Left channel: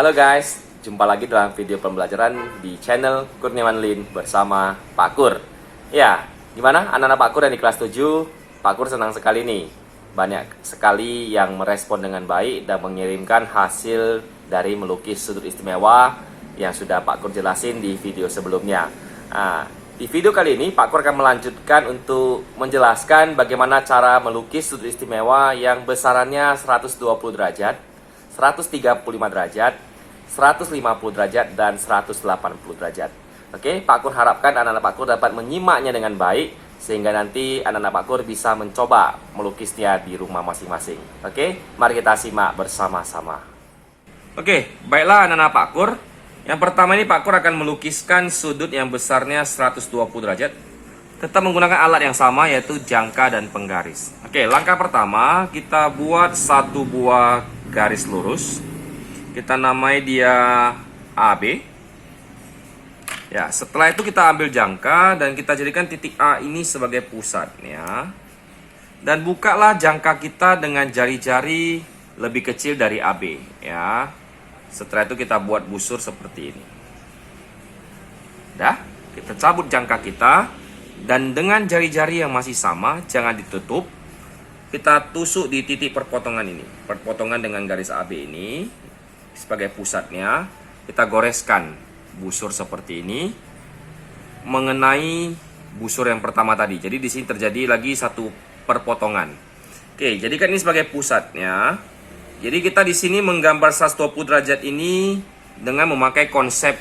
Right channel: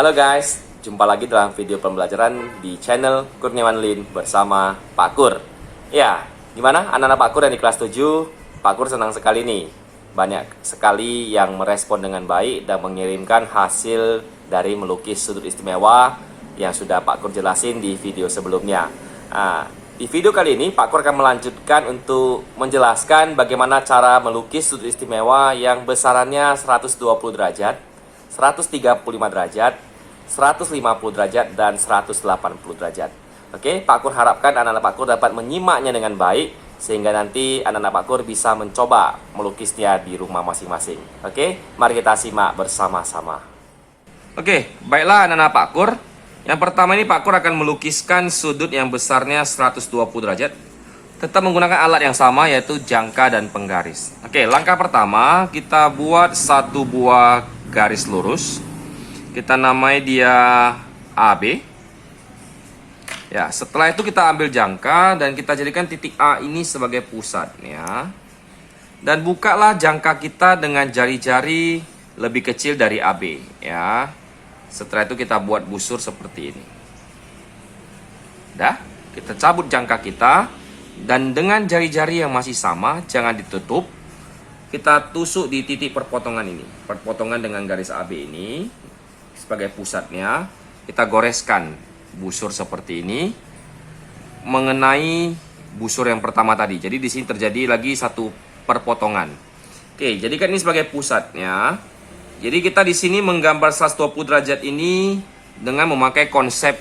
Halo guys, jumpa lagi dalam video pembelajaran di channel Kurniawan Lin bersama Pak Kur. Ya, gimana anak-anak Pak Kur yang di kelas 7? Pak Kur senang sekali nih. Banyak sekali yang merespon dengan baik dan mengirimkan hasil dari melukis sudut istimewa yang sudah Pak Kur jelasin di video sebelumnya. Di video kali ini Pak Kur akan melanjutkan untuk menjelaskan bagaimana cara melukis sudut istimewa yang besarannya 120 derajat, 135 derajat, 150 derajat, dan 180 derajat. Oke, Pak Kur harapkan anak-anak Pak Kur dapat menyimaknya dengan baik, sehingga nanti anak-anak Pak Kur bisa mencoba melukisnya di rumah masing-masing. Oke, mari kita simak bersama-sama. Oke, baiklah anak-anak Pak Kur. Yang pertama ini Pak Kur akan melukiskan sudut yang besarnya 120 derajat. Tetap menggunakan alat yang sama, yaitu jangka dan penggaris. Oke, langkah pertama kita buat satu buah garis lurus. Kita namai dia AB. Ya, setelah itu kita ambil jangka dan kita jadikan titik A ini sebagai pusat ya. Dan bukalah jangka kita dengan jari-jari lebih kecil dari AB ya. Setelah itu kita buat busur seperti ini. Dah, kita cabut jangka kita dan dengan jari-jari yang masih sama, jangan ditutup. Kita tusuk di titik perpotongan ini. Perpotongan dengan garis AB ini sebagai pusatnya. Kita goreskan busur seperti ini mengenai busur yang pertama tadi. Jadi di sini terjadi lagi satu perpotongan. Oke, jadikan ini sebagai pusatnya. Jadi kita di sini menggambar 120 derajat ini dengan memakai konsep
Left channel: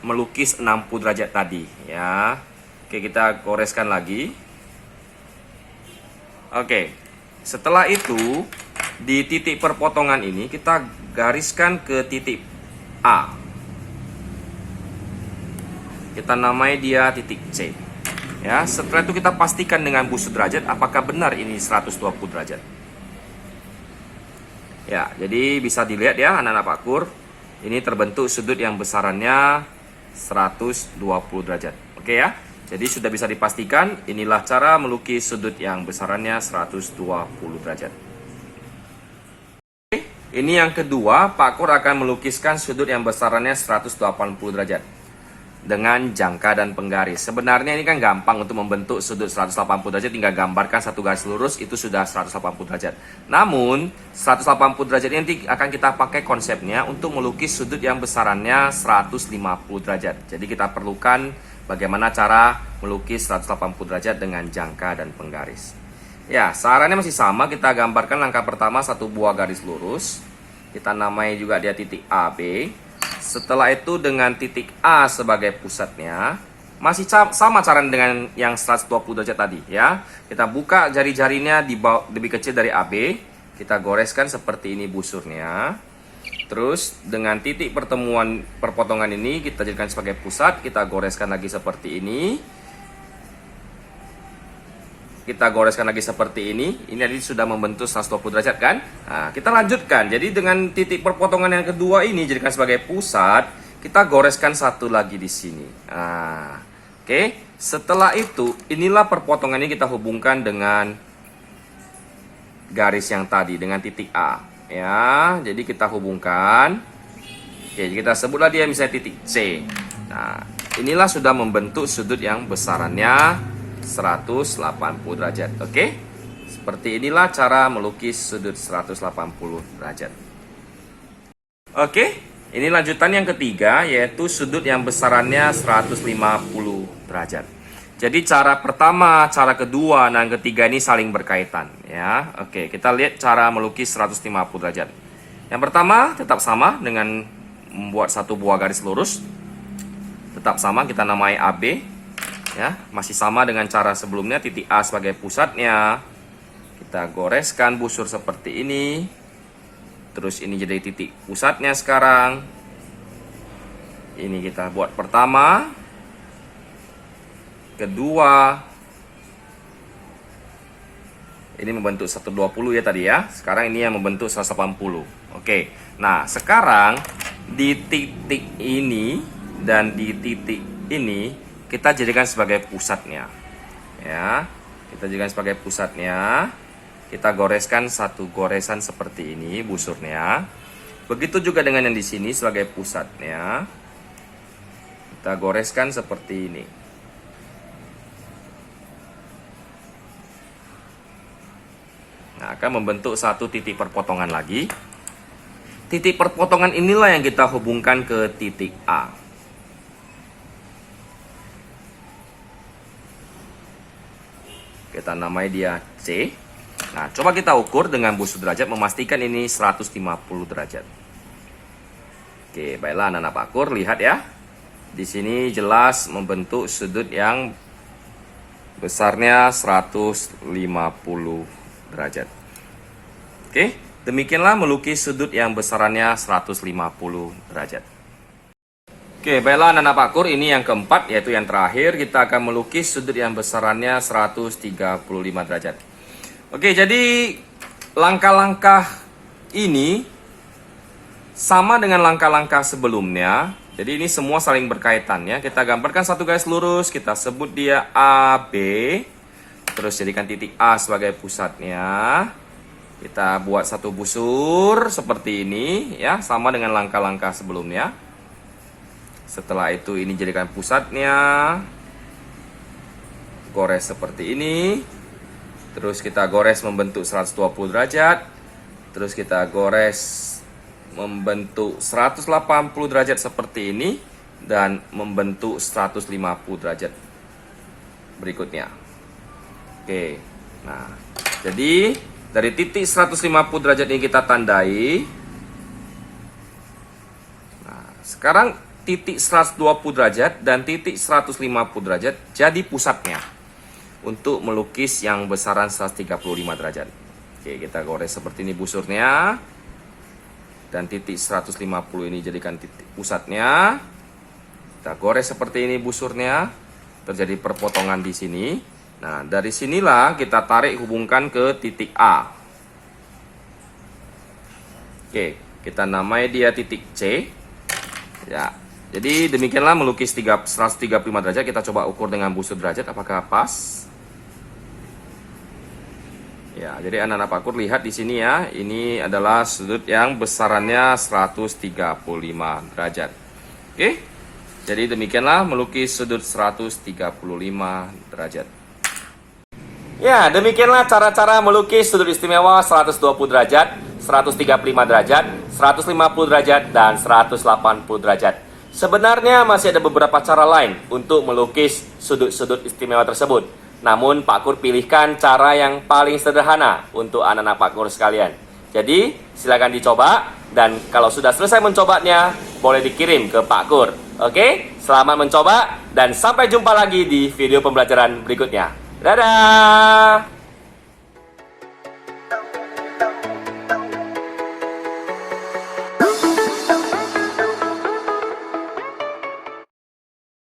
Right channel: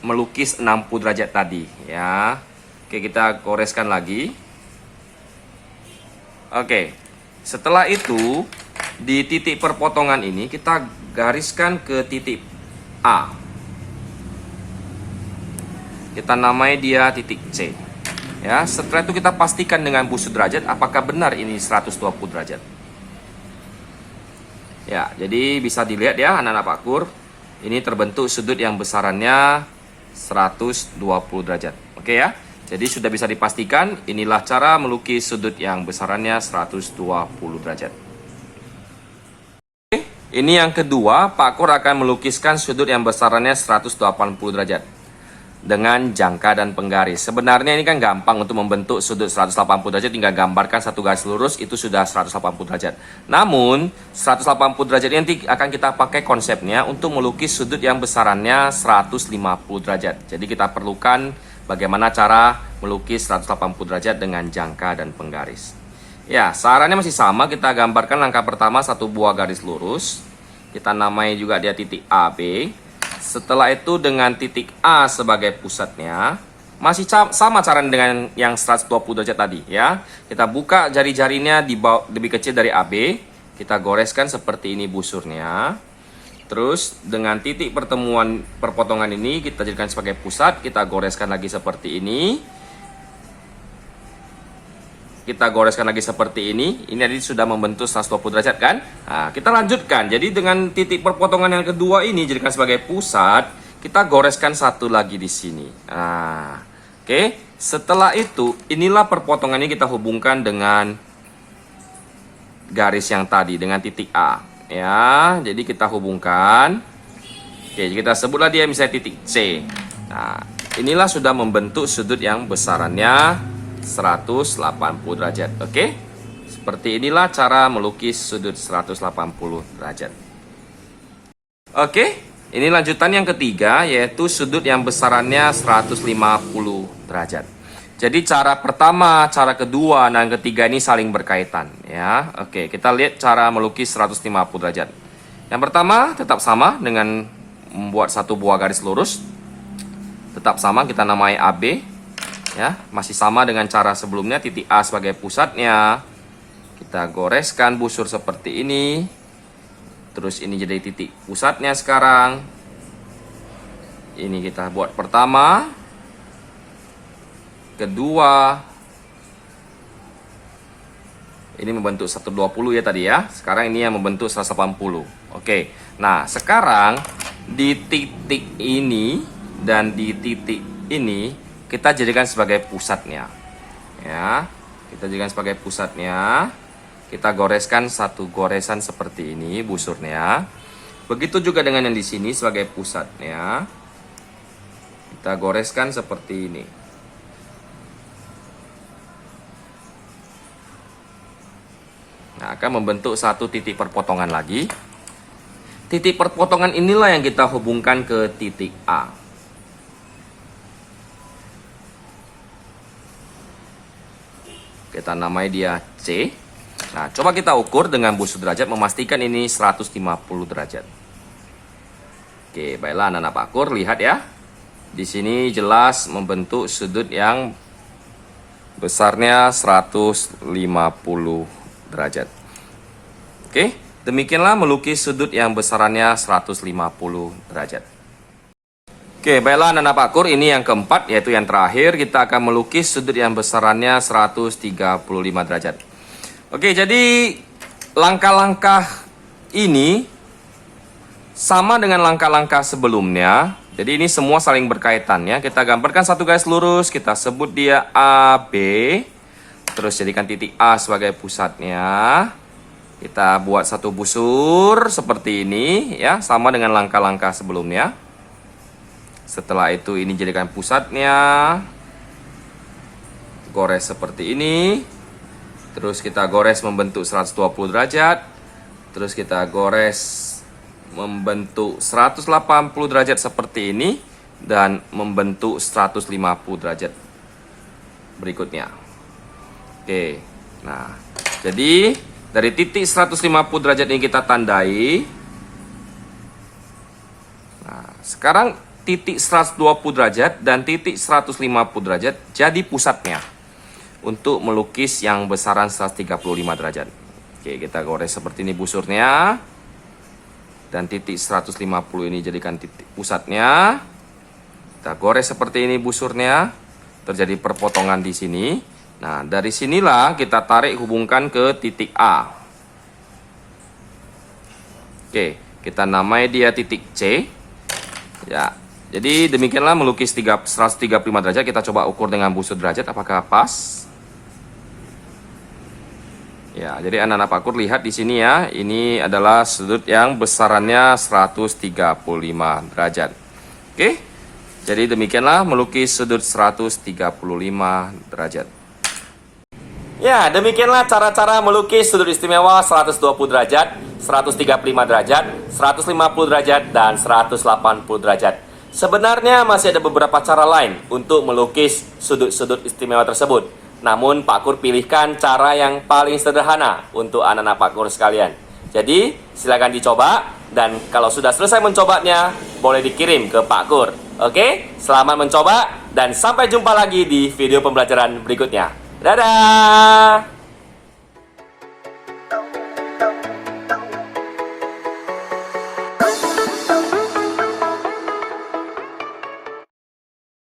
melukis 60 derajat tadi ya. Oke, kita goreskan lagi. Oke, setelah itu di titik perpotongan ini kita gariskan ke titik A. Kita namai dia titik C. Ya, setelah itu kita pastikan dengan busur derajat apakah benar ini 120 derajat. Ya, jadi bisa dilihat ya anak-anak Pak Kur, ini terbentuk sudut yang besarannya 120 derajat. Oke ya. Jadi sudah bisa dipastikan inilah cara melukis sudut yang besarannya 120 derajat. Oke, ini yang kedua, Pak Kur akan melukiskan sudut yang besarannya 180 derajat dengan jangka dan penggaris. Sebenarnya ini kan gampang untuk membentuk sudut 180 derajat, tinggal gambarkan satu garis lurus itu sudah 180 derajat. Namun 180 derajat ini nanti akan kita pakai konsepnya untuk melukis sudut yang besarannya 150 derajat. Jadi kita perlukan bagaimana cara melukis 180 derajat dengan jangka dan penggaris. Ya, sarannya masih sama, kita gambarkan langkah pertama satu buah garis lurus. Kita namai juga dia titik AB. Setelah itu dengan titik A sebagai pusatnya. Masih sama cara dengan yang 120 derajat tadi ya. Kita buka jari-jarinya di bawah, lebih kecil dari AB. Kita goreskan seperti ini busurnya. Terus dengan titik pertemuan perpotongan ini kita jadikan sebagai pusat, kita goreskan lagi seperti ini. Kita goreskan lagi seperti ini. Ini tadi sudah membentuk 120 derajat kan? Nah, kita lanjutkan. Jadi dengan titik perpotongan yang kedua ini jadikan sebagai pusat, kita goreskan satu lagi di sini. Nah, oke. Setelah itu, inilah perpotongan ini kita hubungkan dengan garis yang tadi dengan titik A. Ya, jadi kita hubungkan. Oke, kita sebutlah dia misalnya titik C. Nah, inilah sudah membentuk sudut yang besarannya 180 derajat. Oke, seperti inilah cara melukis sudut 180 derajat. Oke, ini lanjutan yang ketiga, yaitu sudut yang besarannya 150 derajat. Jadi cara pertama, cara kedua, dan ketiga ini saling berkaitan ya. Oke, kita lihat cara melukis 150 derajat. Yang pertama tetap sama dengan membuat satu buah garis lurus. Tetap sama, kita namai AB ya. Masih sama dengan cara sebelumnya, titik A sebagai pusatnya. Kita goreskan busur seperti ini. Terus ini jadi titik pusatnya sekarang. Ini kita buat pertama. Kedua, ini membentuk 120 ya tadi ya. Sekarang ini yang membentuk 180. Oke, nah sekarang di titik ini dan di titik ini kita jadikan sebagai pusatnya ya. Kita jadikan sebagai pusatnya. Kita goreskan satu goresan seperti ini busurnya. Begitu juga dengan yang di sini sebagai pusatnya. Kita goreskan seperti ini. Nah, akan membentuk satu titik perpotongan lagi. Titik perpotongan inilah yang kita hubungkan ke titik A. Kita namai dia C. Nah, coba kita ukur dengan busur derajat, memastikan ini 150 derajat. Oke, baiklah anak-anak Pakur, lihat ya. Di sini jelas membentuk sudut yang besarnya 150 derajat. Oke, demikianlah melukis sudut yang besarannya 150 derajat. Oke, baiklah anak-anak Pakur, ini yang keempat, yaitu yang terakhir. Kita akan melukis sudut yang besarannya 135 derajat. Oke, jadi langkah-langkah ini sama dengan langkah-langkah sebelumnya. Jadi ini semua saling berkaitan ya. Kita gambarkan satu garis lurus, kita sebut dia AB. Terus jadikan titik A sebagai pusatnya. Kita buat satu busur seperti ini ya, sama dengan langkah-langkah sebelumnya. Setelah itu ini jadikan pusatnya. Gores seperti ini. Terus kita gores membentuk 120 derajat. Terus kita gores membentuk 180 derajat seperti ini. Dan membentuk 150 derajat berikutnya. Oke. Nah, jadi dari titik 150 derajat ini kita tandai. Nah, sekarang titik 120 derajat dan titik 150 derajat jadi pusatnya untuk melukis yang besaran 135 derajat. Oke, kita gores seperti ini busurnya. Dan titik 150 ini jadikan titik pusatnya. Kita gores seperti ini busurnya. Terjadi perpotongan di sini. Nah, dari sinilah kita tarik hubungkan ke titik A. Oke, kita namai dia titik C. Ya. Jadi demikianlah melukis 135 derajat. Kita coba ukur dengan busur derajat apakah pas. Ya, jadi anak-anak Pakur lihat di sini ya. Ini adalah sudut yang besarannya 135 derajat. Oke. Jadi demikianlah melukis sudut 135 derajat. Ya, demikianlah cara-cara melukis sudut istimewa 120 derajat, 135 derajat, 150 derajat, dan 180 derajat. Sebenarnya masih ada beberapa cara lain untuk melukis sudut-sudut istimewa tersebut. Namun Pak Kur pilihkan cara yang paling sederhana untuk anak-anak Pak Kur sekalian. Jadi silakan dicoba, dan kalau sudah selesai mencobanya boleh dikirim ke Pak Kur. Oke, selamat mencoba dan sampai jumpa lagi di video pembelajaran berikutnya. Dadah!